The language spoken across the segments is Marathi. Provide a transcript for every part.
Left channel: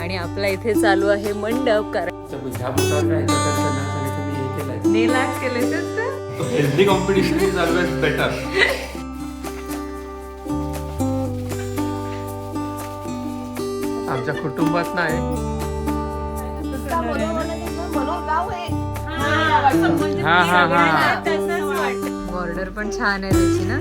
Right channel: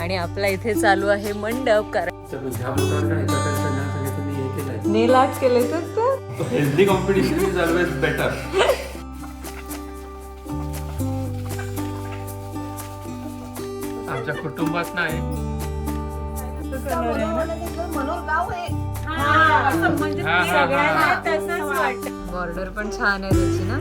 आणि आपला इथे चालू आहे मंडप हे healthy competition is always better आमच्या कुटुंबात नाही. हा हा. हा बॉर्डर पण छान आहे त्याची ना?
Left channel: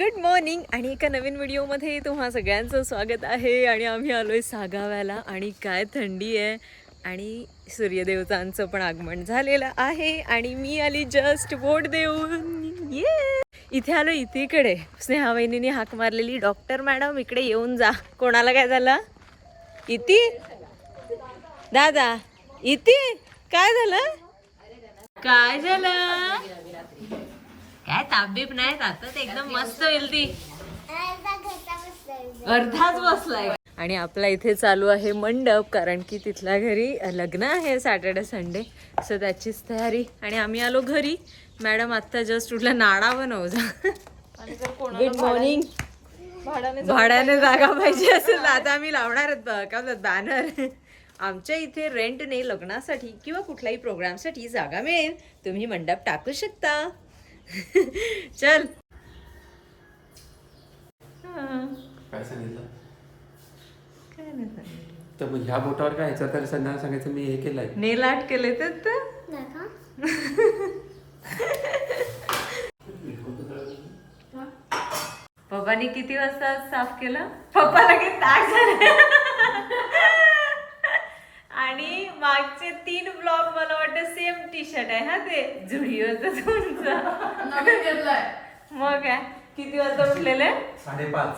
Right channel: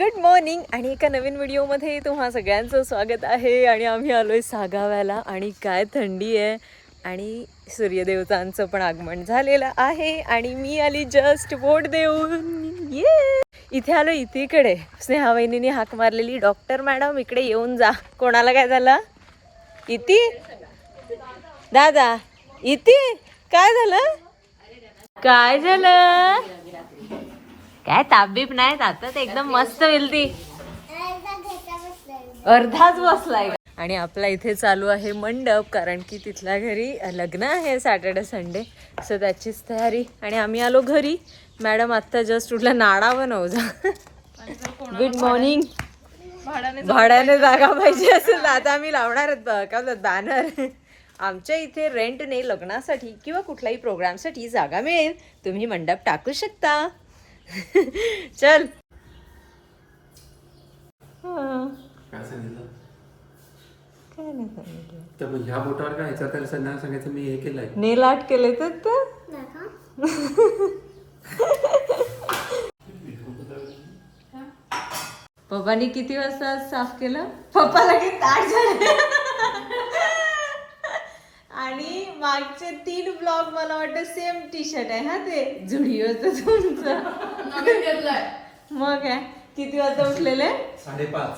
Good morning. आणि एका नवीन व्हिडिओमध्ये तुम्हा सगळ्यांचं स्वागत आहे. आणि आम्ही आलो आहे सागाव्याला. आणि काय थंडी आहे. आणि सूर्यदेवतांचं पण आगमन झालेलं आहे. आणि मी आली जस्ट वोट देऊन. ये इथे आलो इतीकडे. स्नेहा वहिनीने हाक मारलेली. डॉक्टर मॅडम इकडे येऊन जा. कोणाला काय झालं? इति? दादा इति? काय झालं? काय झालं? काय ताबीब नाही आता एकदम मस्त होईल ती. अर्धाच बसलाय. आणि आपला इथे चालू आहे मंडप कारण की तिथल्या घरी लग्न आहे सॅटर्डे संडे. सो त्याचीच तयारी. आणि आम्ही आलो घरी. मॅडम आत्ता जस्ट उठला नाडा बनव जा. गुड मॉर्निंग भाड्याने जागा पाहिजे असेल तर आता आम्ही लावणार आहेत काय बॅनर आमच्या इथे रेंटने लग्नासाठी किंवा कुठल्याही प्रोग्रामसाठी जागा मिळेल. तुम्ही मंडप टाकू शकता. चल. हा, काय सांगितलं? काय नाही सांगितलं. तर मग ह्या बोटावर काय ह्याच्यापेक्षा त्यांना सांगायचं मी हे केलंय. नेल आर्ट केले तर तर? पप्पानी किती वाजता साफ केलं? पप्पा लगेच ताट झाले आणि मागचे तीन ब्लॉग मला वाटतं सेम टी शर्ट आहे हा ते जुडिओचं तुमचं. मग काय? किती वाजता उठलेले? साडेपाच.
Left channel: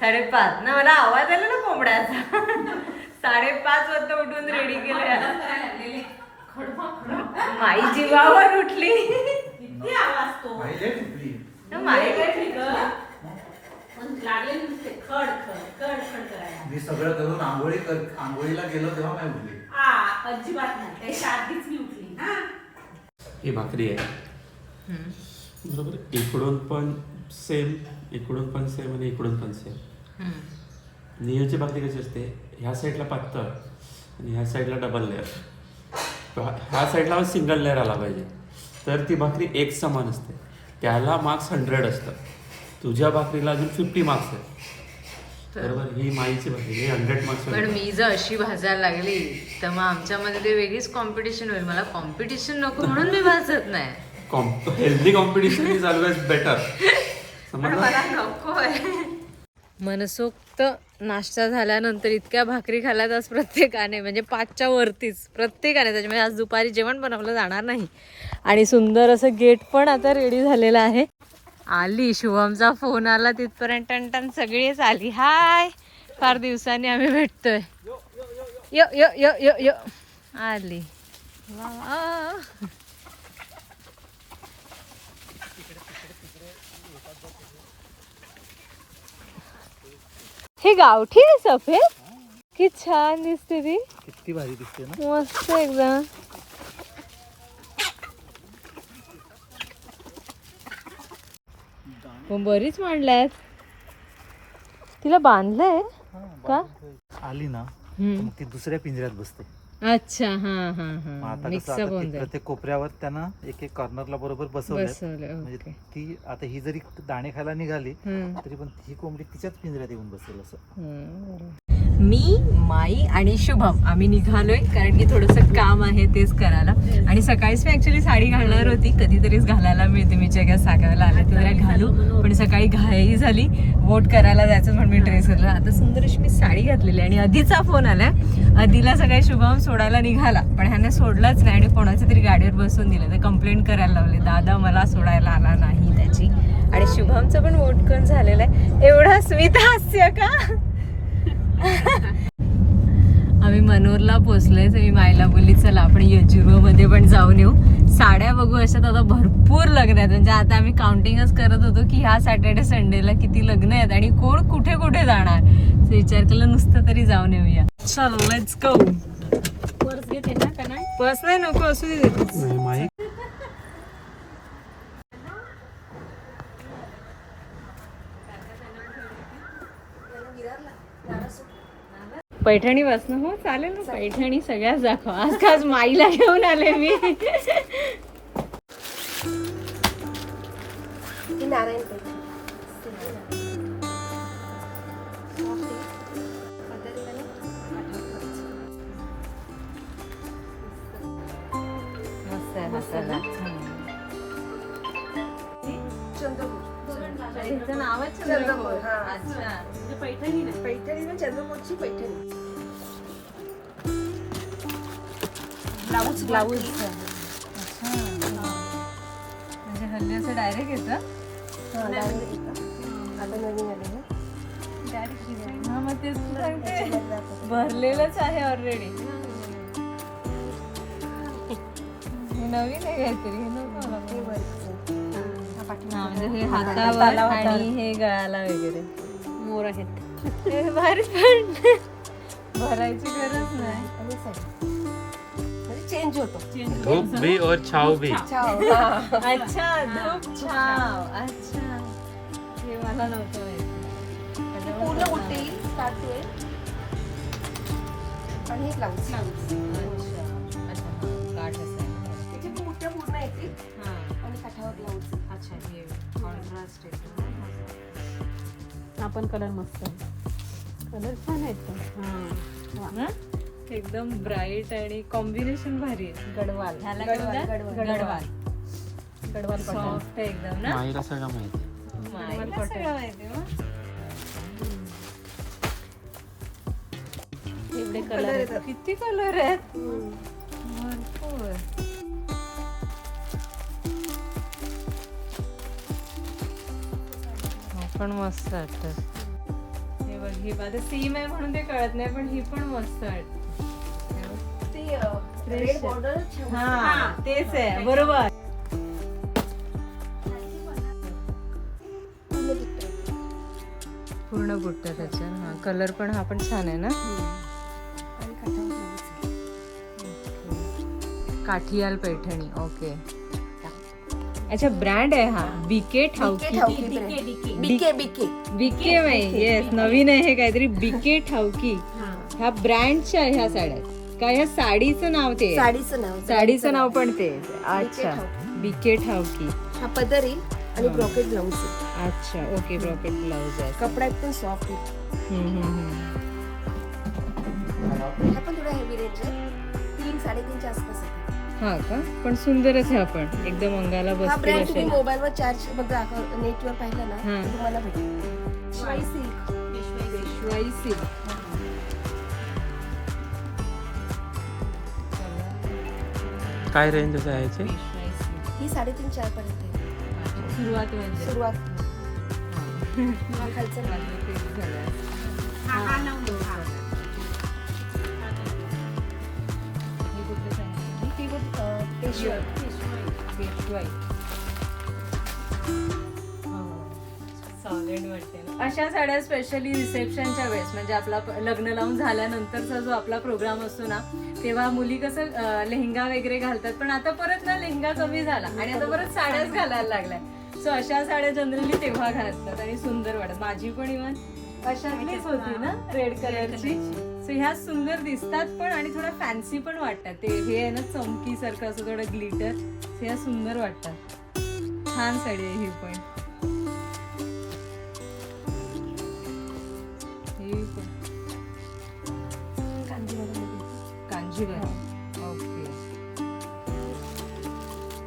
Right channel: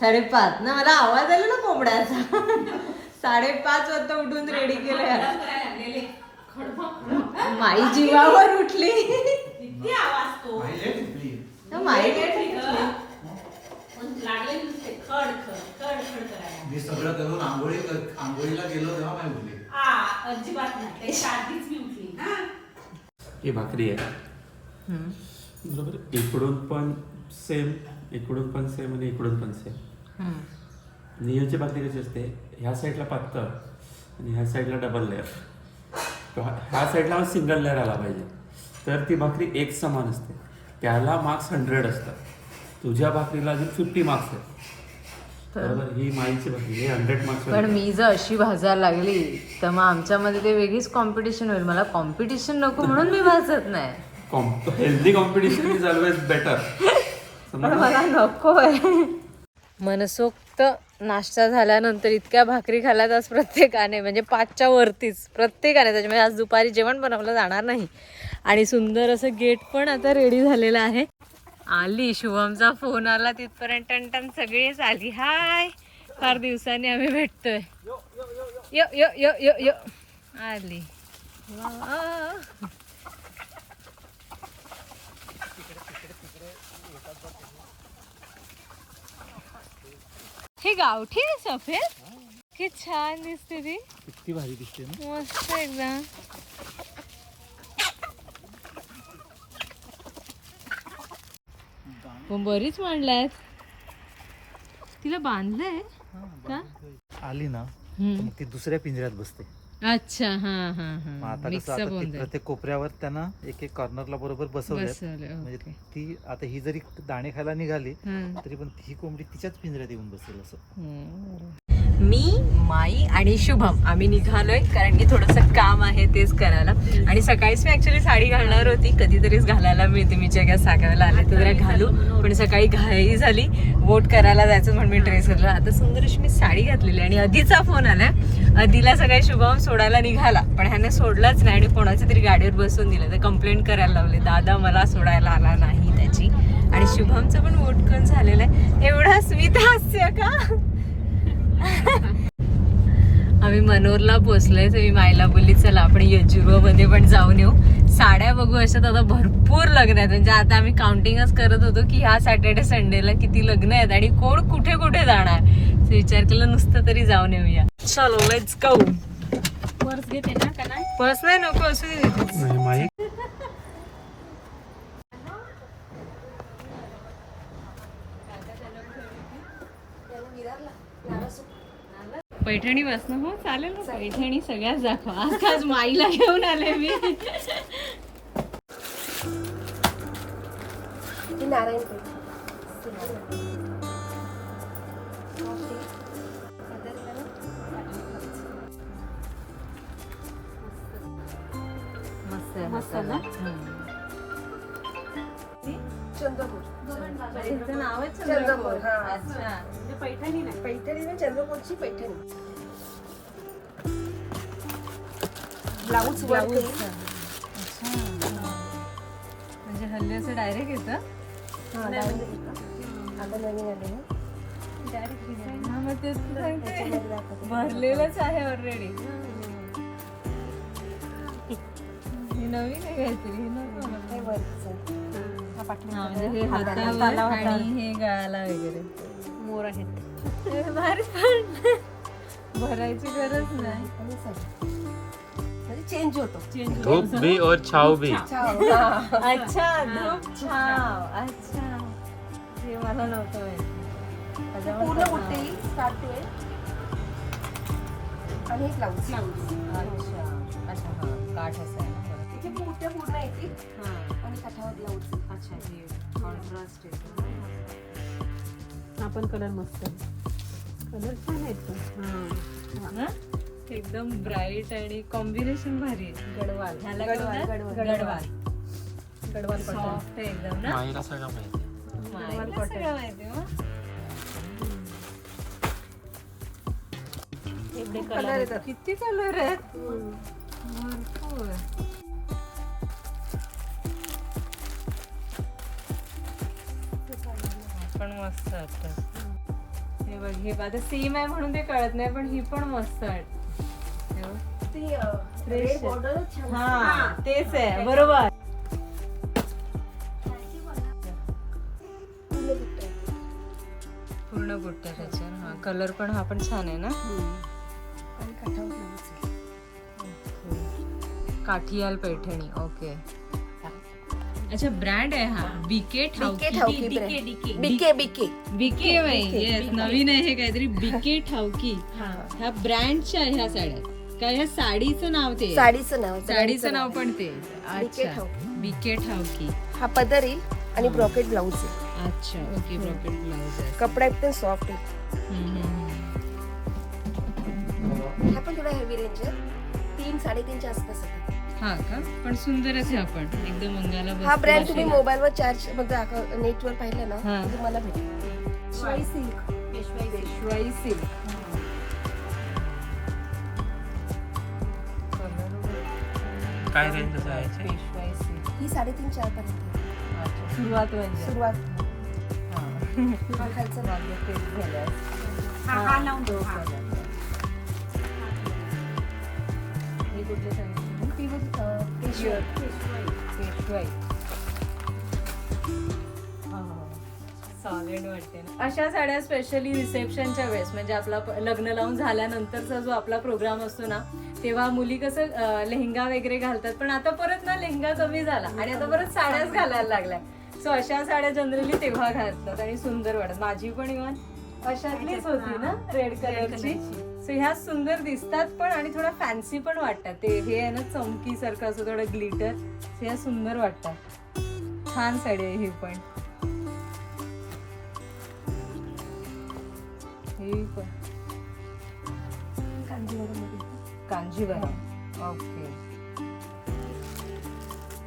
साडेपाच. ना मला आवाज आला ना कोंबड्याचा. साडेपाच वाजता उठून रेडी केले माई जीवावर उठली. पाहिले टिपली. तर माई काय ठीक मी सगळं करून आंघोळी आंघोळीला गेलो तेव्हा नाही उठली. ही भाकरी आहे. बरोबर? इकडून पण सेम इकडून पण सेम आणि इकडून पण सेम नियोची भाकरी कशी असते? ह्या साईडला पातळ आणि ह्या साईडला डबल लेअर ह्या साईडला सिंगल लेअर आला पाहिजे. तर ती भाकरी एक समान असते. त्याला मार्क्स हंड्रेड असतात. तुझ्या भाकरीला अजून फिफ्टी मार्क्स आहेत. बरोबर ही माईची हे हंड्रेड मार्क्स पण मी जर अशी भाजायला लागली तर मग आमच्यामध्ये ते वेगळीच कॉम्पिटिशन होईल. मला कॉम्पिटिशन नको म्हणून मी भाजत नाही. Healthy competition is always better पण मला नको मनसोक्त नाश्ता झाल्यानंतर इतक्या भाकरी खाल्ल्यात आज प्रत्येकाने म्हणजे पाचच्या वरतीच प्रत्येकाने. त्याच्यामुळे आज दुपारी जेवण बनवलं जाणार नाही. आणि सुंदर असं गेट पण आता रेडी झालेलं आहे. आली शुभमचा फोन आला तिथपर्यंत टन टन सगळीच आली. हाय फार दिवसांनी आम्ही भेटतोय. यो यो यो यो यो. आली. वा. हे गावठी आहे सफेद? कि छान दिसते ती. किती भारी दिसते ना. मस्त एकदम. बरीच मांडल्यात. तिला बांधलंय? का? आली ना. मग ती दुसऱ्या पिंजऱ्यात बसते. अच्छा हा हा हा. आता कसं प्रत्येक कोपऱ्यावर त्यांना एक एक कॉर्नरला बरोबर बसवलं म्हणजे ती आता ही जरी दाणे खायला निघाली. तरी पण ही कोंबडी तिच्याच पिंजऱ्यात येऊन बसेल असं. मी माई आणि शुभम. आम्ही निघालोय कारण की थोडस काम आहे तेच करायला. आणि सकाळीच मी ऍक्च्युली साडी घालणार होती. कधीतरीच घालायला मिळते. मी जगा सागायला आले तर घालू. पण सकाळी घाई झाली. वोट करायला जायचं म्हणून मी ड्रेस घातला आता सुंदर अशी मी साडी घातलेली आणि आधीचा फोन आलाय. आधीला सकाळी शुभम सोडायला निघाला. पण ह्याने सोडलाच नाही आणि कोणाच्या तरी गाडीवर बसून दिलं. तर कंप्लेंट करायला लावले. दादा मला सोडायला आला नाही त्याची. आणि शुभमचं पण वोट करून झालेलं आहे. एवढं स्मित हास्य का? आम्ही मनोरला पोहोचलोय तर मी मायला बोलली चला आपण यजुर्वमध्ये पण जाऊन येऊ. साड्या बघू अशात आता भरपूर लग्न आहेत. म्हणजे आता आम्ही काउंटिंगच करत होतो की ह्या सॅटर्डे संडेला किती लग्न आहेत आणि कोण कुठे कुठे जाणार? विचार केला नुसतं तरी जाऊन येऊया. चलो लेट्स गो पर्स घेते ना का नाही पर्स नाही नको असू दे देतेच. पैठणी वाचणं हो चालेल ना पैठणी सगळ्याच दाखवा. आज खास माईला घेऊन आले मी. नारायण मस्त आहे मसाला चंद्रपूर. तिचं हा. अच्छा. पैठणी म्हणजे पैठणी ब्लाऊज ब्लाऊज. म्हणजे हल्ली असं डायरेक्ट येतं. आता नवीन आले ना. हा मग तेच तर सांगते. भरलेलंच आहे ऑलरेडी हे नवीन आहे काहीतरी. हे वरचं. हा पाठी हा, म्हणजे हे हातावर आणि हे गळाला वगैरे. मोर आहेत. भारी पण. भरायची गरज नाही. म्हणजे चेंज होतो. धूप भी और छाव भी. अच्छा धूप छाव. अच्छा. हे मला नव्हतं माहिती. ते पूर्ण बुट्टे स्टार्ट टू एंड आणि हे ब्लाऊज अच्छा. अच्छा हा काठ असं आहे ना. तिचे बुट्टे पूर्ण येतील. हा. आणि काठावर ब्लाऊज अच्छा हे कॉन्ट्रास्ट आहे. आपण कलर मस्त आहे. कलर छान आहेत पण. ना एकदम ब्राईट आणि कॉम्बिनेशन भारी आहे. गडवाल. ह्याला गडवाल, गडवाल. गडवाल. सॉफ्ट आहे एकदम ना? माहिती? सगळं माहिती कलर येतात. किती कलर आहेत? भरपूर. मस्त वाटत. हे बघ हे आता सेम आहे म्हणून ते कळत नाही पण ही पण मस्त वाटत. हे हा तेच आहे बरोबर. पूर्ण बुट्टे आहेत. पूर्ण बुट्ट्या त्याच्या हा कलर पण हा पण छान आहे ना? काठियाल पैठणी ओके अच्छा ब्रँड आहे हा. बिके बिके ठाऊकी. बिके बिके बिके येस नवीन आहे हे काहीतरी. बिके ठाऊकी ह्या ब्रँडच्या ह्या साड्या. आहेत. का ह्या साडीचं नाव ते आहे? साडीचं नाव साडीचं नाव. पण ते. अच्छा. बिके ठाऊकी हा पदर येईल आणि ब्रॉकेट ब्लाऊज आहे अच्छा ओके ब्रॉकेट ब्लाउज आहे. कपडा एकदम सॉफ्ट आहे हम्म, हम्म, हम्म. हा पण थोडा हेवी रेंज आहे तीन साडेतीनच्या आसपास आहे हा का? पण सुंदरच आहे आपण. एकदम अंगाला हा ब्रँड तुम्ही असे. मोबाईलवर चार्ज बघा नेटवर पाहिलं ना हा. तुम्हाला भेटेल. शिवाय सिल्क पेशवाई काय रेंज असं आहे? पेशवाई ही साडेतीन चार पर्यंत आहे. सुरुवात म्हणजे? सुरुवात. हा. हा खालचा. तेच झालं तो color. हे ती बघ, पेशवाई. पेशवाई सॉलिड वाटते ना अशा साड्या स्पेशली रिसेप्शनच्या वेळेस म्हणजे आपला लग्न लावून झाल्यानंतरचा जो आपला प्रोग्राम असतो ना तेव्हा मुली कसं लेहंगा वगैरे घालतात. पण आता परत ना लेहंगा कमी झाला आणि आता परत साड्याच घालायला लागल्या. सो अशा साड्या जनरली तेव्हा घालतात आणि सुंदर वाटत माझी पण इव्हन अशातलीच होती ना रेड कलरची सो ह्या सुंदर दिसतात पण आणि थोडा फॅन्सी पण वाटतात. ते हे आहे ना चमकीसारखं असं थोडं ग्लिटर ह्या सुंदर वाटतात. छान साडी आहे ही पण. ही पण. कांजीवरम. ओके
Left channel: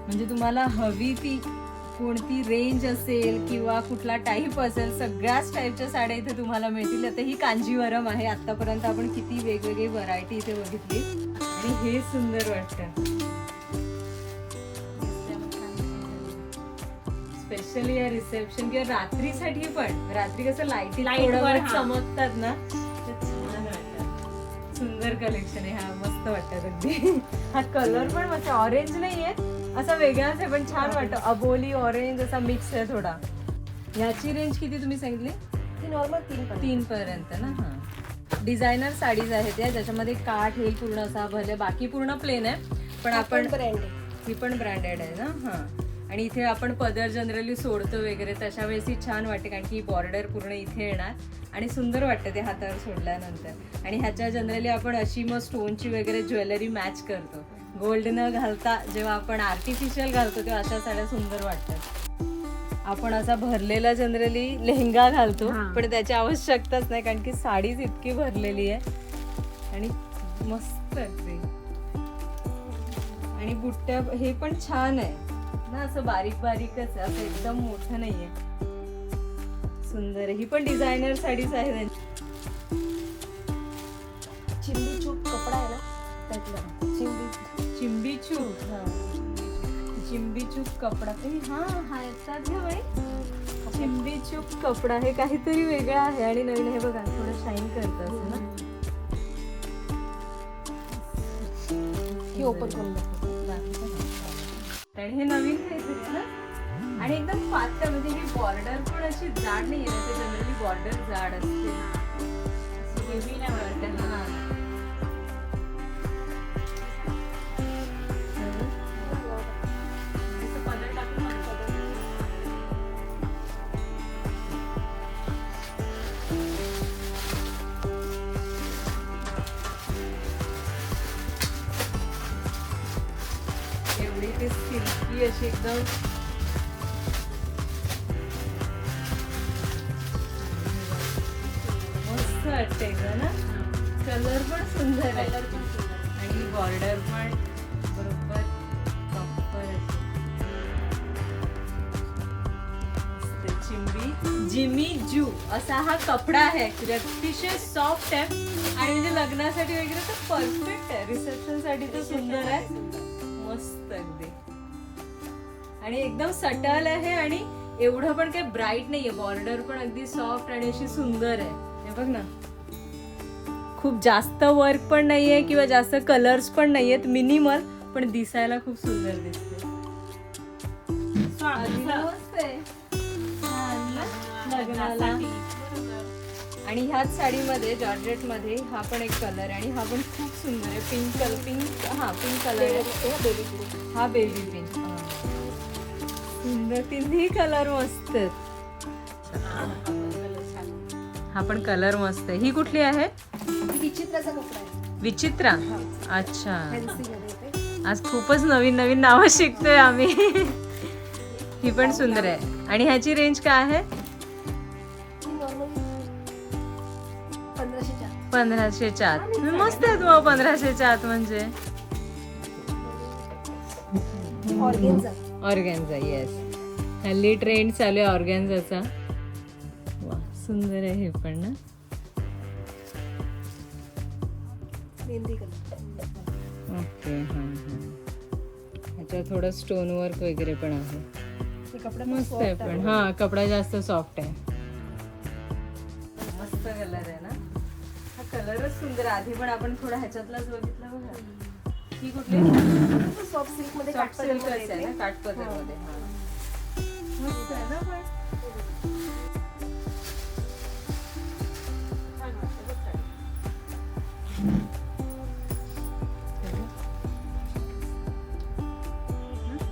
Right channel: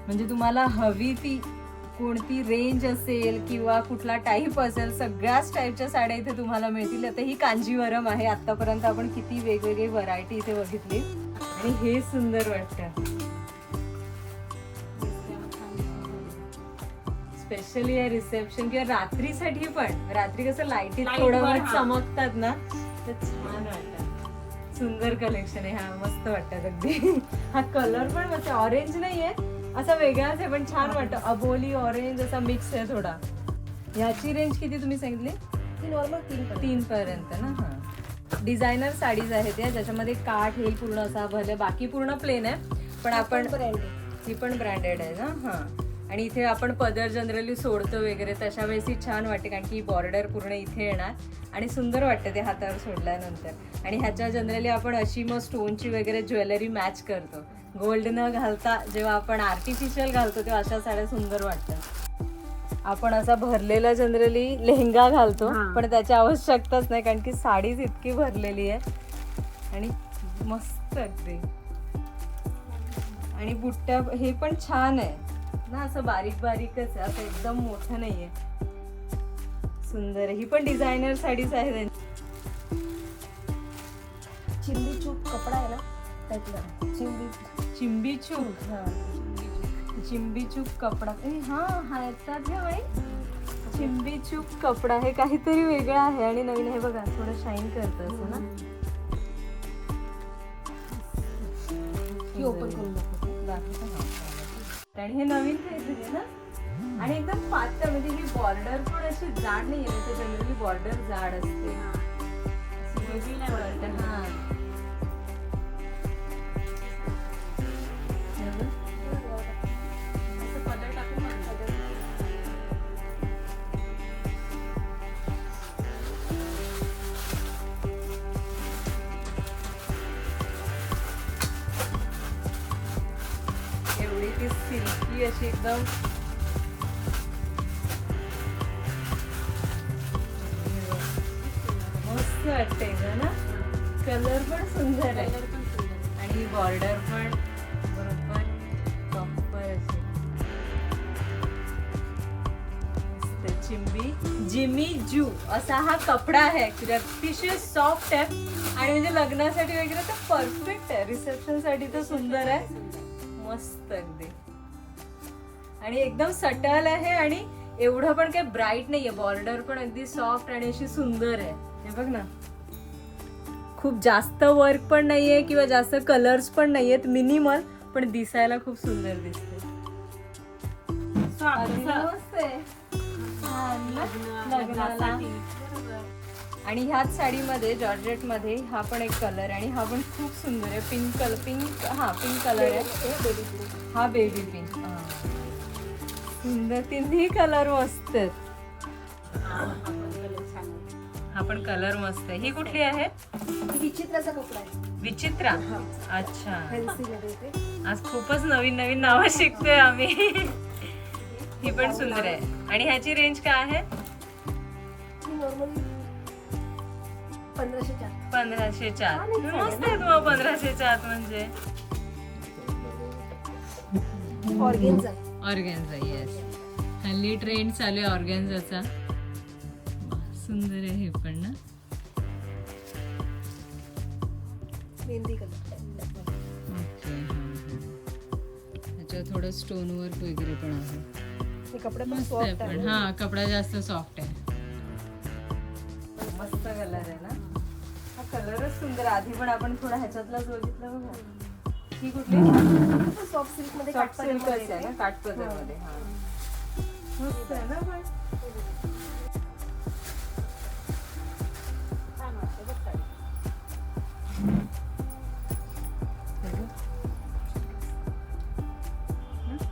म्हणजे तुम्हाला हवी ती कोणती रेंज असेल किंवा कुठला टाईप असेल सगळ्याच टाईपच्या साड्या इथे तुम्हाला मिळतील. आता ही कांजीवरम आहे. आतापर्यंत आपण किती वेगवेगळी व्हरायटी इथे बघितली. आणि हे सुंदर वाटतं. स्पेशली या रिसेप्शन किंवा रात्रीसाठी पण. रात्री कसं लाईटी थोडं वेळ चमकतात ना तर छान वाटतात सुंदर कलेक्शन आहे. हा मस्त वाटतात अगदी. हा कलर पण मस्त ऑरेंज नाहीये. असा वेगळाच आहे पण छान वाटतं. अबोली ऑरेंज असा मिक्स आहे थोडा. ह्याची रेंज किती तुम्ही सांगितली? ती नॉर्मल तीन तीन पर्यंत ना हा. डिझायनर साडीज आहेत या ज्याच्यामध्ये काठ हे पूर्ण असा भले बाकी पूर्ण प्लेन आहे पण आपण ही पण ब्रँडेड आहे ना हा. आणि इथे आपण पदर जनरली सोडतो वगैरे तशा वेळेस ही छान वाटते कारण की बॉर्डर पूर्ण इथे येणार आणि सुंदर वाटतं ते हातावर सोडल्यानंतर. आणि ह्याच्या जनरली आपण अशी मग स्टोनची वगैरे ज्वेलरी मॅच करतो. गोल्ड न घालता जेव्हा आपण आर्टिफिशियल घालतो तेव्हा अशा साड्या सुंदर वाटतात. आपण असा भरलेला जनरली लेहंगा घालतो. पण त्याची आवश्यकताच नाही कारण की साडीच इतकी भरलेली आहे. आणि मस्त अगदी आणि बुट्ट्या हे पण छान आहे. ना असं बारीक बारीकच आहे असं एकदम मोठं नाहीये. सुंदर आहे. ही पण डिझायनर साडीच आहे त्यांची. चिंदी चूप कपडा आहे ना त्यातला. चिंदी चिंबी चूक. चिंबी चूक कपडा. ए, हा हा याच्यात घे बाई. चिंबी चूक कपडा हे काहीतरी वेगळं आहे आणि नवीन हे बघा थोडं शाईन करतं असं ना. ही ओपन करून. आणि हे नवीन ना. आणि एकदम पातळ म्हणजे ही बॉर्डर पण अशी जाड नाही आहे जनरली बॉर्डर जाड असते. सिल्की अशी एकदम. मस्त वाटते ग ना? कलर पण सुंदर आहे. आणि बॉर्डर पण बरोबर प्रॉपर मस्त. चिंबी. जिमी जू. असा हा कपडा आहे. ऍक्च्युली अतिशय सॉफ्ट आहे. आणि म्हणजे लग्नासाठी वगैरे तर परफेक्ट आहे. रिसेप्शनसाठी तर सुंदर आहे. मस्त अगदी. आणि एकदम सटल आहे आणि एवढं पण काही ब्राईट नाहीये. बॉर्डर पण अगदी सॉफ्ट आणि अशी सुंदर आहे. हे बघ ना. खूप जास्त वर्क पण नाहीये किंवा जास्त कलर्स पण नाहीयेत. मिनिमल पण दिसायला खूप सुंदर दिसते. आणि ह्याच साडीमध्ये जॉर्जेटमध्ये हा पण एक कलर आणि हा पण खूप सुंदर आहे. पिंक कलर पिंक हा पिंक कलर आहे. हा बेबी पिंक सुंदर तिन्ही कलर मस्त हा पण कलर मस्त आहे. ही कुठली आहे? ही विचित्राचा कपडा आहे. विचित्रा? अच्छा. आज खूपच नवीन नवीन नावं शिकतोय आम्ही. ही पण सुंदर आहे. आणि ह्याची रेंज काय आहे? ही नॉर्मली पंधराशेच्या आत मस्त आहे तुम्हाला पंधराशेच्या आत म्हणजे. ऑर्गेन्झा येस हल्ली ट्रेंड चालू आहे ऑर्गॅन्झाचा. वा सुंदर आहे हे पण ना. मेहंदी कलर ओके ह्याच्यात थोडं स्टोन वर्क वगैरे पण आहे. हे कपडा मस्त आहे पण. हा कपडा जास्त सॉफ्ट आहे. मस्त कलर आहे ना. हा कलरच सुंदर आहे. आधी पण आपण थोडा ह्याच्यातलाच बघितला बघा. ही कुठली? सॉफ्ट सिल्कमध्ये सॉफ्ट काठपदर सिल्कच मध्ये आहे ना येते. काठपदरमध्ये हा. मस्त आहे ना पण.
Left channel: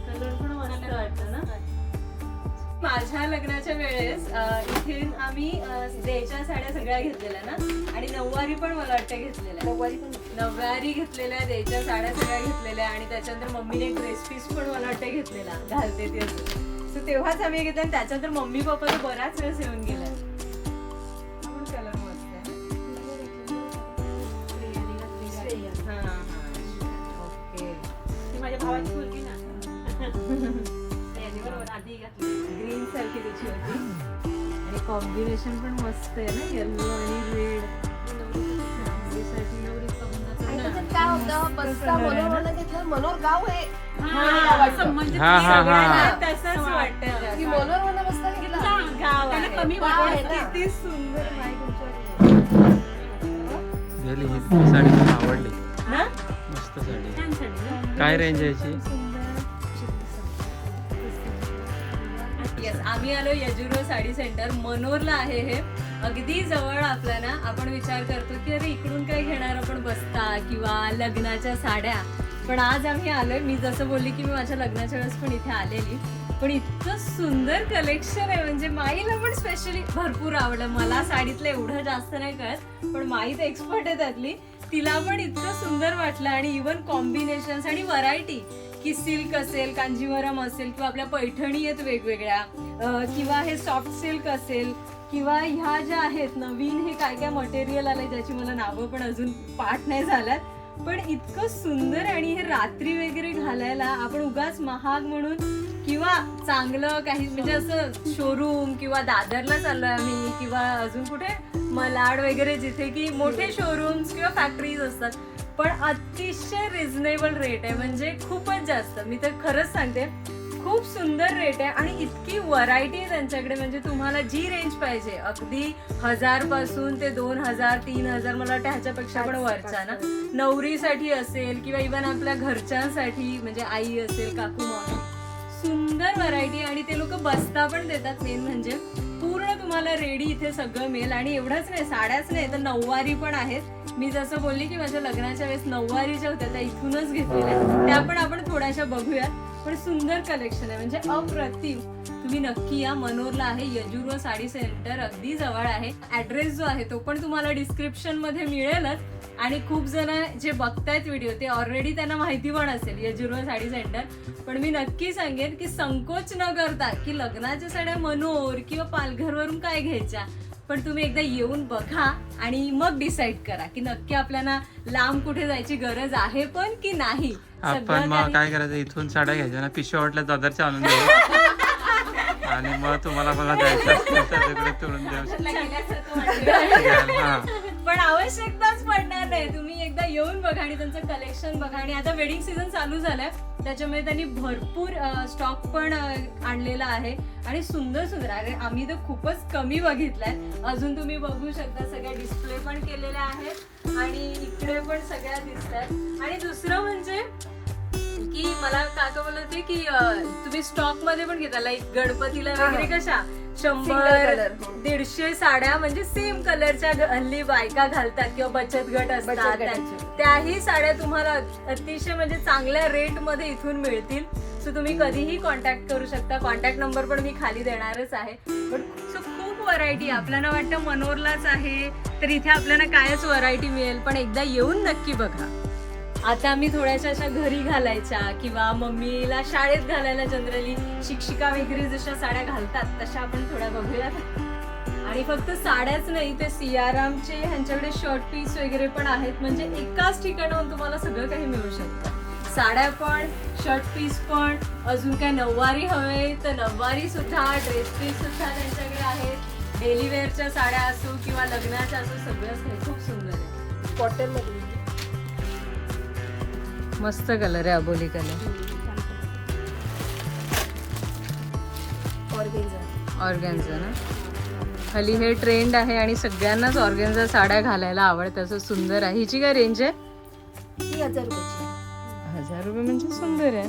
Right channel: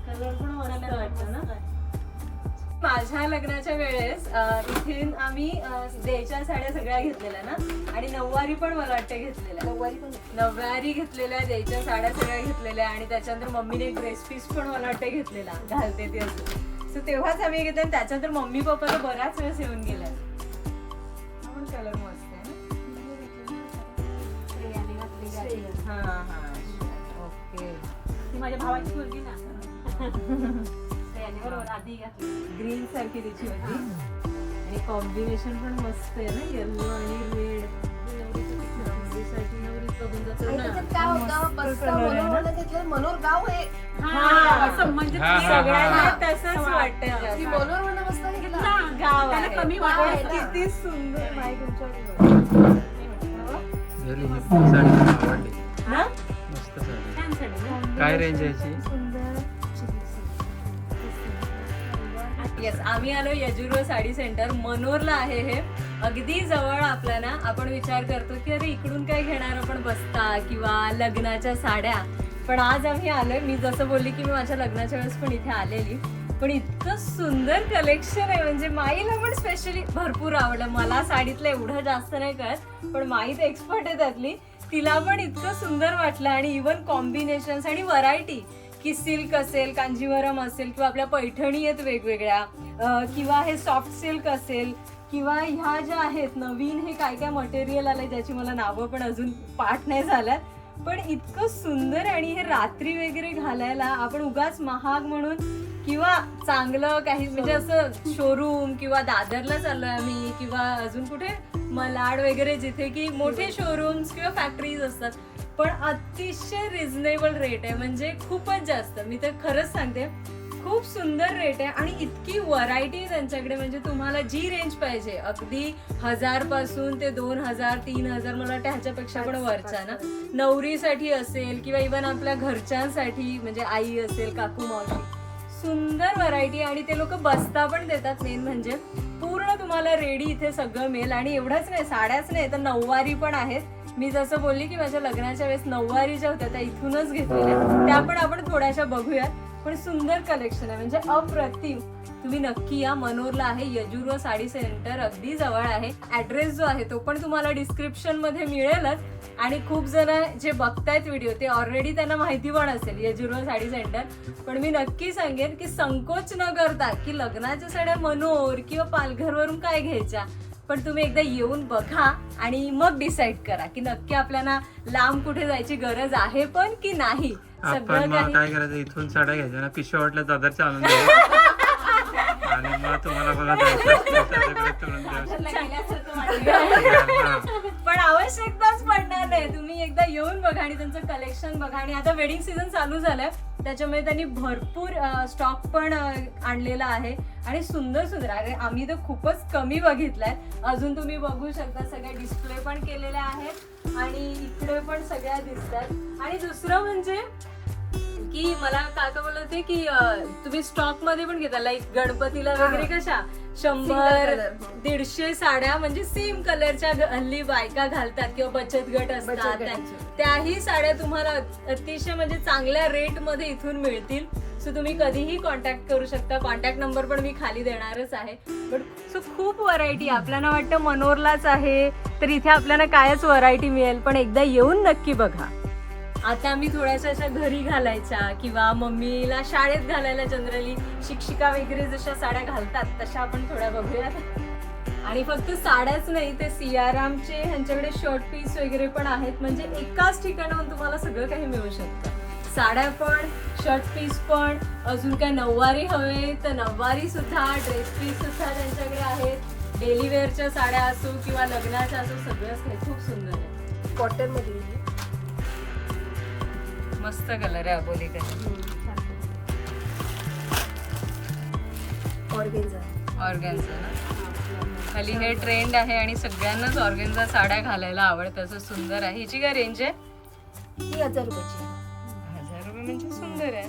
कलर पण मस्त वाटतं ना माझ्या लग्नाच्या वेळेस इथे आम्ही देच्या साड्या सगळ्या घेतलेल्या ना? आणि नऊवारी पण मला वाटतं घेतलेल्या. नऊवारी पण होती. नववारी घेतलेल्या द्यायच्या साड्या सगळ्या घेतलेल्या आणि त्याच्यानंतर मम्मीने एक ड्रेस पीस पण मला वाटतं घेतलेला घालते ती असं. सो तेव्हाच आम्ही घेतले आणि त्याच्यानंतर मम्मी पप्पा तर बराच वेळेस येऊन गेल्या. हा पण कलर मस्त आहे ना? हा हा. ओके. माझ्या भावाची मुलगी ना. बरोबर आधी घातली. ग्रीन सारखी त्याची होती. आणि कॉम्बिनेशन पण मस्त आहे ना येल्लो आणि रेड घेतलं मनोहर गाव आहे. हा. असं म्हणजे हा, हा, सगळ्यांना हा. तसंच वाटतं की मनोहरमध्ये बसताना गेलं गाव त्याला आहे. कमी. किती सुंदर. ही साडी मला आवडली. ना मस्त साडी. छान साडी काय रेंज आहे याची? येस आम्ही आलो यजुर्व साडी सेंटर. मनोरला आहे हे. अगदी जवळ आपल्याला आपण विचार करतो की अरे इकडून काय घेणार आपण बसता किंवा लग्नाच्या साड्या? पण आज आम्ही आलोय मी जसं बोलली की मी माझ्या लग्नाच्या वेळेस पण इथे आलेली. पण इतकं सुंदर कलेक्शन आहे म्हणजे माईला पण स्पेशली भरपूर आवडलं. मला साडीतलं एवढं जास्त नाही कळत पण माई तर एक्सपर्ट आहे त्यातली. तिला पण इतकं सुंदर वाटलं आणि इवन कॉम्बिनेशन आणि व्हरायटी की सिल्क असेल कांजीवरम असेल किंवा आपल्या पैठणी आहेत वेगवेगळ्या किंवा हे सॉफ्ट सिल्क असेल किंवा ह्या ज्या आहेत नवीन हे काय काय मटेरियल आलंय ज्याची मला नावं पण अजून पाठ नाही झाल्यात पण इतकं सुंदर आणि हे रात्री वगैरे घालायला आपण उगाच महाग म्हणून किंवा चांगलं काही म्हणजे असं शोरूम किंवा दादरला चाललोय आम्ही किंवा अजून कुठे मलाड वगैरे जिथे की मोठे शोरूम्स किंवा फॅक्टरीज असतात पण अतिशय रिझनेबल रेट आहे म्हणजे खूपच जास्त. मी तर खरंच सांगते खूप सुंदर रेट आहे आणि इतकी व्हरायटी आहे त्यांच्याकडे. म्हणजे तुम्हाला जी रेंज पाहिजे अगदी हजारपासून ते दोन हजार तीन हजार मला वाटतं ह्याच्यापेक्षा पण वरचा ना. नवरीसाठी असेल किंवा इवन आपल्या घरच्यांसाठी म्हणजे आई असेल काकू मावशी सुंदर व्हरायटी आणि ते लोक बसता पण देतात मेन म्हणजे. पूर्ण तुम्हाला रेडी इथे सगळं मिळेल. आणि एवढंच नाही साड्याच नाही तर नऊवारी पण आहेत. मी जसं बोलली की माझ्या लग्नाच्या वेळेस नऊवारी ज्या होत्या त्या इथूनच घेतलेल्या त्या पण आपण थोड्याशा बघूयात. पण सुंदर कलेक्शन आहे. म्हणजे अप्रतिम. तुम्ही नक्की या. मनोरला आहे. यजुर्व साडी सेंटर अगदी जवळ आहे. ऍड्रेस जो आहे तो पण तुम्हाला डिस्क्रिप्शनमध्ये मिळेलच. आणि खूप जण जे बघतायत व्हिडिओ ते ऑलरेडी त्यांना माहिती पण असेल यजुर्व साडी सेंटर पण मी नक्की सांगेन की संकोच न करता की लग्नाच्या साड्या मनोर किंवा पालघरवरून काय घ्यायच्या पण तुम्ही एकदा येऊन बघा आणि मग डिसाईड करा की नक्की आपल्याला लांब कुठे जायची गरज आहे पण की नाही. आपण मग काय करायचं? इथून साड्या घ्यायच्या ना. पिशव्या वाटल्या दादरच्या आणून द्यायच्या आणि मग तुम्हाला बघा जायचं. पण आवश्यकताच पडणार नाही. तुम्ही एकदा येऊन बघा आणि त्यांचं कलेक्शन बघा. आणि आता वेडिंग सीझन चालू झालंय. त्याच्यामुळे त्यांनी भरपूर स्टॉक पण आणलेला आहे. आणि सुंदर सुंदर. अरे आम्ही तर खूपच कमी बघितलाय. अजून तुम्ही बघू शकता. सगळे डिस्प्ले पण केलेले आहेत. आणि इकडे पण सगळ्या दिसतात. आणि दुसरं म्हणजे मला काका बोलत होते की तुम्ही स्टॉकमध्ये पण घेता लाईक गणपतीला वगैरे कशा? शंभर दीडशे साड्या म्हणजे सेम कलरच्या हल्ली बायका घालतात किंवा बचत गट असतात. त्या- त्याही साड्या तुम्हाला अतिशय म्हणजे चांगल्या रेटमध्ये इथून मिळतील. सो तुम्ही कधीही कॉन्टॅक्ट करू शकता. कॉन्टॅक्ट नंबर पण मी खाली देणारच आहे. पण सो खूप व्हरायटी आपल्याला वाटतं मनोरलाच आहे. तर इथे आपल्याला कायच व्हरायटी मिळेल. पण एकदा येऊन नक्की बघा. आता आम्ही थोड्याशा अशा घरी घालायच्या किंवा मम्मीला शाळेत घालायला जनरली शिक्षिका वगैरे जशा साड्या घालतात तशा आपण थोड्या बघूयात. आणि फक्त साड्याच नाही ते सियारामचे ह्यांच्याकडे शर्ट पीस वगैरे पण आहेत. म्हणजे एकाच ठिकाणाहून तुम्हाला सगळं काही मिळू शकतं. साड्या पण शर्ट पीस पण अजून काय नऊवारी हवे तर नऊवारी सुद्धा ड्रेस पीस सुद्धा त्यांच्याकडे आहेत. डेली वेअरच्या साड्या असो किंवा लग्नाच्या असो सगळंच खूप सुंदर आहे. कॉटन मस्त कलर आहे अबोली कलर. ऑर्गेन्झा. ऑर्गॅन्झा ना? खाली हे ट्रेंड आहे आणि सगळ्यांनाच ऑर्गॅन्झा साड्या घालायला आवडतं असं सुंदर आहे. हिची काय रेंज आहे? हजार रुपयाची हजार रुपये म्हणजे सुंदर आहे.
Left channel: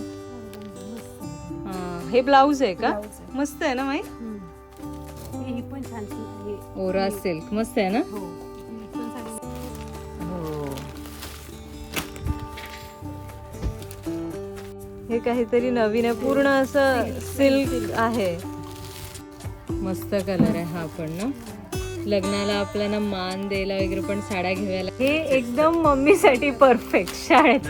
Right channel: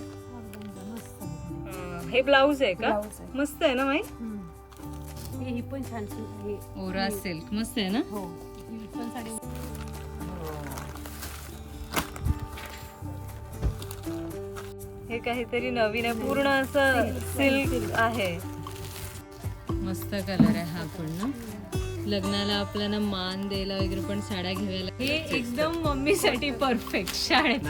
हा, हे ब्लाऊज आहे का? Blouse आहे. मस्त आहे ना माई? ही पण छान आहे ओरा सिल्क मस्त आहे ना? हो. हे काहीतरी नवीन आहे. पूर्ण असं सिल्क आहे. मस्त कलर आहे हा पण ना. लग्नाला आपल्याला मान द्यायला वगैरे पण साड्या घ्यायला हे एकदम मम्मीसाठी परफेक्ट शाळेत.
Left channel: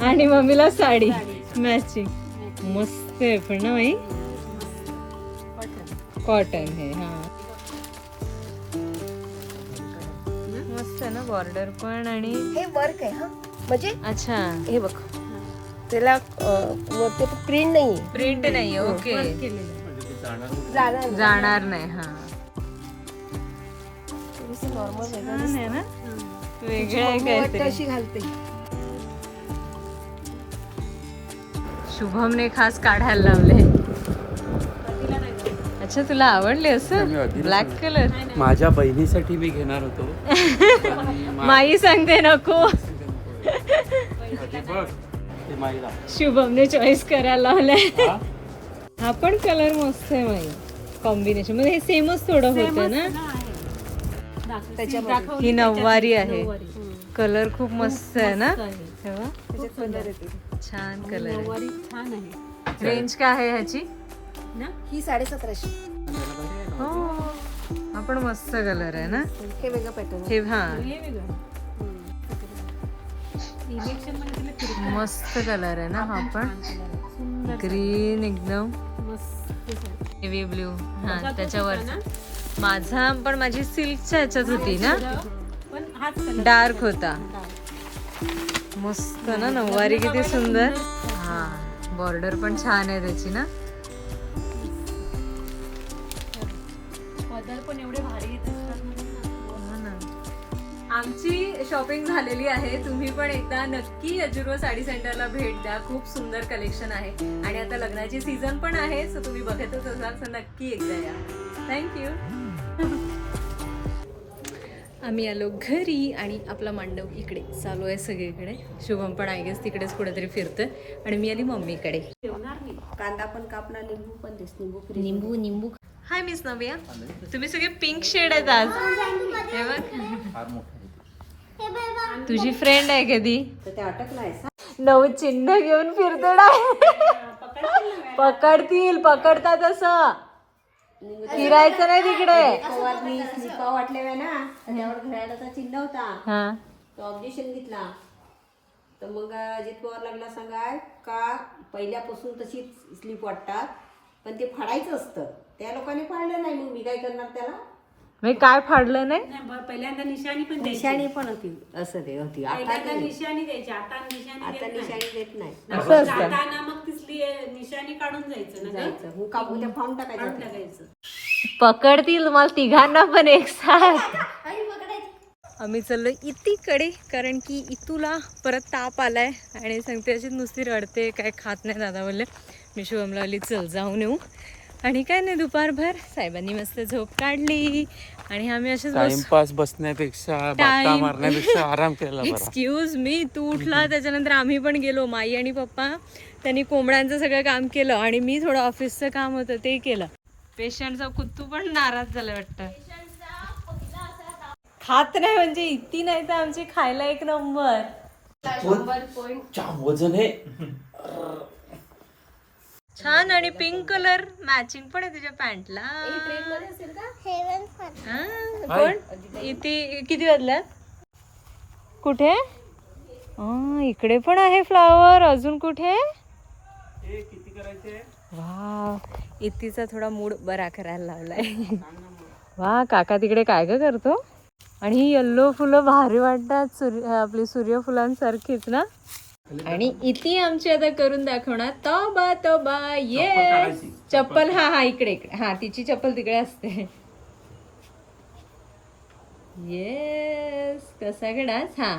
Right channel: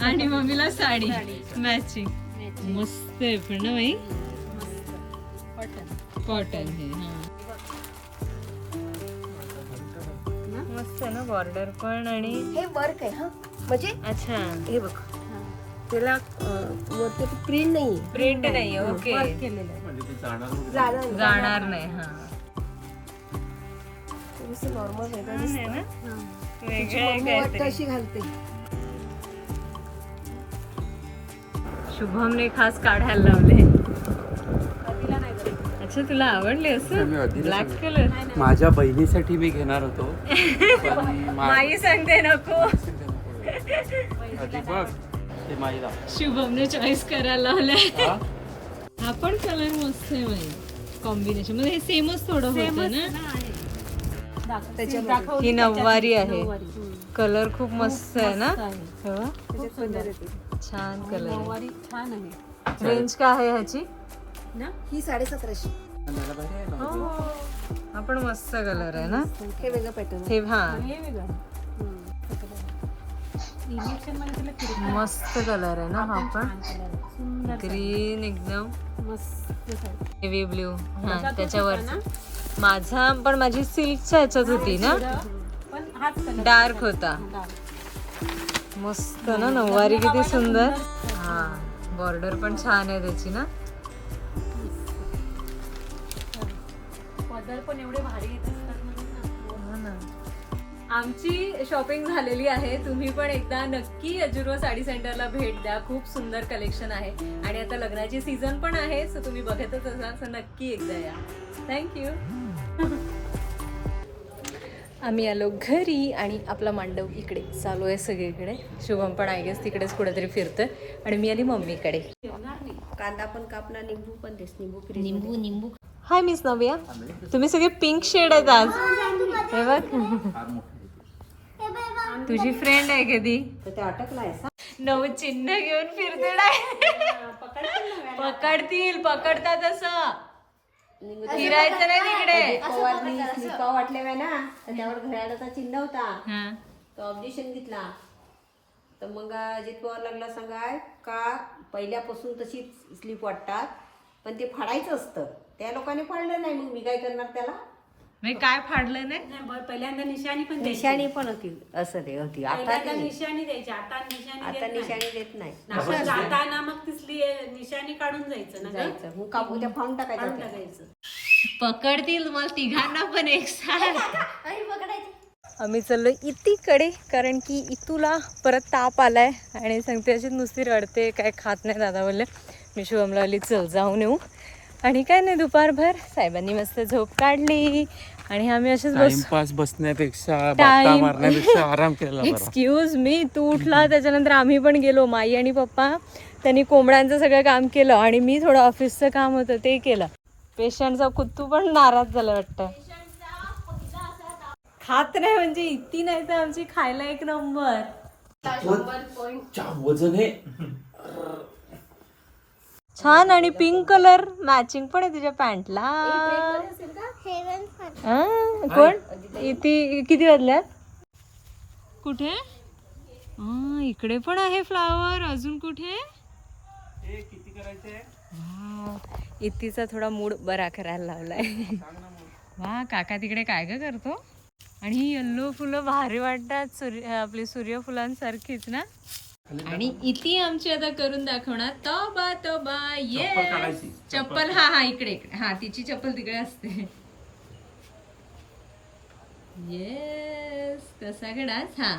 आणि मम्मीला साडी मॅचिंग मस्त आहे पण ना माई कॉटन हे हा. मस्त आहे ना बॉर्डर पण आणि हे वर्क आहे हा. म्हणजे अच्छा. हे बघ. त्याला वरती प्रिंट नाही प्रिंट नाही ओके म्हणजे जाणार नाही. हा. नॉर्मल. अशी घालते. शुभमने खास काढायला लावले. अच्छा तुला आवडले असं? ब्लॅक. कलर माझ्या बहिणीसाठी मी घेणार होतो. माई सांगते नको. शुभमने चॉईस करायला लावलाय. हा? हा पण कलर मस्त आहे माई कॉम्बिनेशनमध्ये हे सेमच थोडं होतं ना? ही नऊवारी आहे. कलर खूप मस्त आहे ना? तेव्हा छान कलर आहे. छान आहे. रेंज काय आहे ह्याची? ही साडेसतराशे. हो. हा पण मस्त कलर आहे ना? हे वेगळं पॅटर्न हे हा. हे वेगळं. मस्त कलर आहे ना हा पण. ग्रीन एकदम. हेवी ब्ल्यू हा त्याच्यावर. माझा पण माझी सिल्कच्या ह्याच्यात होती ना? डार्क होता. मस्त ना नऊवारी किती सुंदर. हा बॉर्डर पण छान आहे त्याची ना? पदर पण एवढे भारी आमची शॉपिंग झालेली आहे. तुम्ही पण एकदा नक्की अजुर्व साडी सेंटरला भेट द्या. खूप सुंदर कलेक्शन आहे. आणि आता लग्नाची सीझन पण आहे सो तुम्ही बघतच असाल तर नक्की एकदा या. थँक्यू आम्ही आलो घरी आणि आपला मांडव इकडे चालू आहे सगळीकडे. शुभम पण गेस तिकडेच कुठेतरी फिरतोय. आणि मी आली मम्मीकडे. कांदा पण कापला निंबू पण देस निंबू निंबू निंबू. हाय मिस नव्या तुम्ही सगळे पिंक शेड आहेत आज. तुझी फ्रेंड आहे कधी ते? अटक नाही नऊ चिन्ह घेऊन फिरते ना. पकडतील पकडतात असं. फिरायचं नाही तिकडे. वाटल्या ना तर त्यावर घड्याळाचा चिन्ह होता. हा. तो ऑब्जेक्शन घेतला. तर मग अजित पवार लागला सांगाय का पहिल्यापासून तशीच स्लीप वाटतात? पण ते फाडायचं असतं. त्या लोकांनी फाडलं नाही. मग मी काय करणार त्याला? मी काय फाडलं नाही? पहिल्यांदा निशाणी पण द्यायची. निशाणी पण होती. असं ते होती. आता पहिल्यांदा नाही. निशाणी द्यायची. आता निशाणी आता देत नाही. निशाणी देत नाही. आपण जाताना मग तिथली निशाणी काढून जायचं ना ग? जायचं. मग काढून टाकायचं टाकायचं. पकडतील मला तिघांना पण एक साथ. आम्ही चाललो इतीकडे कारण की इतूला परत ताप आलाय. आणि सांगते अशी नुसती रडते काय खात नाही दादा बोलले. मी शुभमला चल जाऊन येऊ. आणि काय नाही दुपारभर साहेबांनी मस्त झोप काढली. आणि आम्ही असेच बस. बसण्यापेक्षा मारण्यापेक्षा आराम केला एक्सक्यूज मी तू उठला त्याच्यानंतर आम्ही पण गेलो. माई आणि पप्पा त्यांनी कोंबड्यांचं सगळं काम केलं आणि मी थोडं ऑफिसचं काम होतं ते केलं. पेशंटचा कुत्तू पण नाराज झाला वाटतं. खात नाही म्हणजे इतकी नाही तर आमची खायला एक नंबर. वजन आहे छान आणि पिंक कलर मॅचिंग पण आहे तुझ्या पॅन्टला कोण? इथे किती वाजल्यात कुठे? हा, इकडे पण आहे फ्लावर अजून कुठे? वा इतीचा थोडा मूड बरा करायला लावलाय. वा काका तिकडे काय ग करतो? आणि ही येल्लो फुलं भारी वाटतात. सूर्य आपली सूर्यफुलांसारखीच ना? आणि इथे आमची आता करून दाखवणार. तोबा तोबा ये चप्पल. हा हा इकडे इकडे. हा तिची चप्पल तिकडे असते. येस कसा गडास हा.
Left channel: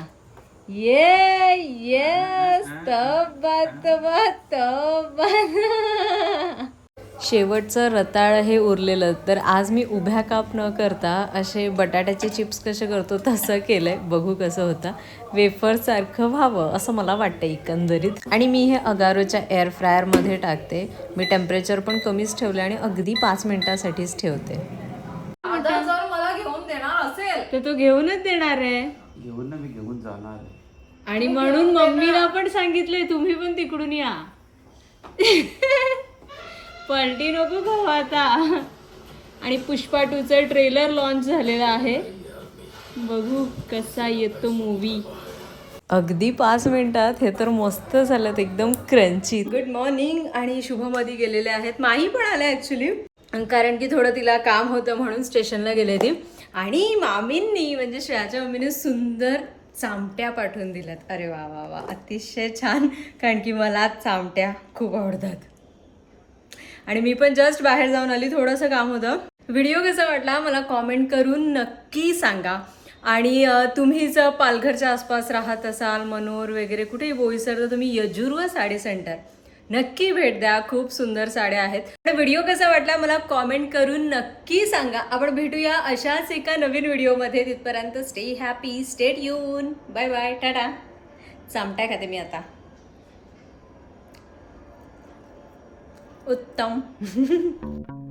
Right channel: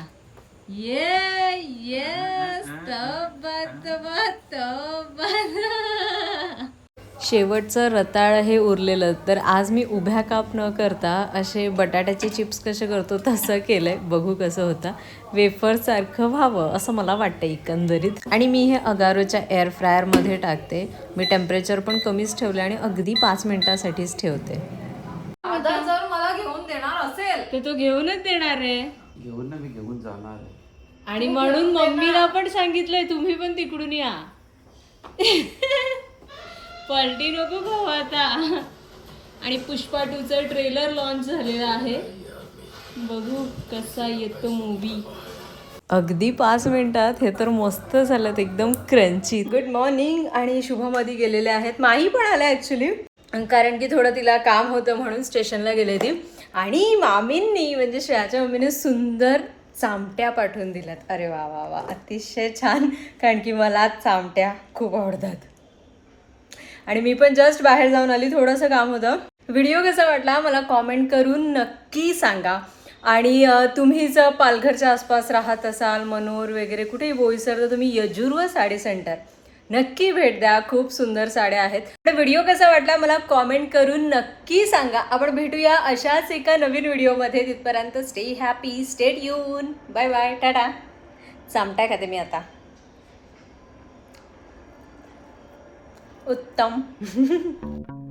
ये येस तोबा तोबा तोबा. शेवटचं रताळ हे उरलेलं तर आज मी उभ्या काप न करता असे बटाट्याचे चिप्स कसे करतो तसं केलंय. बघू कसं होतं. वेफरसारखं व्हावं असं मला वाटतं एकंदरीत. आणि मी हे अगारोच्या एअर फ्रायरमध्ये टाकते. मी टेम्परेचर पण कमीच ठेवले आणि अगदी पाच मिनिटासाठीच ठेवते. आता जर मला घेऊन देणार असेल. ते तो घेऊनच देणार आहे. घेऊन ना मी घेऊन जाणार आहे. आणि म्हणून मम्मीला पण सांगितलंय तुम्ही पण तिकडून या. पलटी नको खाऊ आता. आणि पुष्पा टूचं ट्रेलर लॉन्च झालेलं आहे. बघू कसा येतो मूवी अगदी पाच मिनिटात हे तर मस्त झालं एकदम क्रंची गुड मॉर्निंग आणि शुभमधी गेलेले आहेत. माही पण आल्या ॲक्च्युली कारण की थोडं तिला काम होतं म्हणून स्टेशनला गेले ती आणि मामींनी म्हणजे श्रेयाच्या मम्मीने सुंदर चामट्या पाठवून दिल्यात. अरे वा वा वा. अतिशय छान. कारण की मला चामट्या खूप आवडतात. आणि मी पण जस्ट बाहेर जाऊन आली थोडंसं काम होतं. व्हिडिओ कसा वाटला मला कॉमेंट करून नक्की सांगा. आणि तुम्ही जर पालघरच्या आसपास राहत असाल मनोर वगैरे कुठेही बोईसर तर तुम्ही यजुर्व साडी सेंटर नक्की भेट द्या खूप सुंदर साड्या आहेत. तर व्हिडिओ कसा वाटला मला कॉमेंट करून नक्की सांगा. आपण भेटूया अशाच एका नवीन व्हिडिओमध्ये तिथपर्यंत स्टे हॅपी स्टेट यून बाय बाय टाटा. चामटा खाते मी आता. उत्तम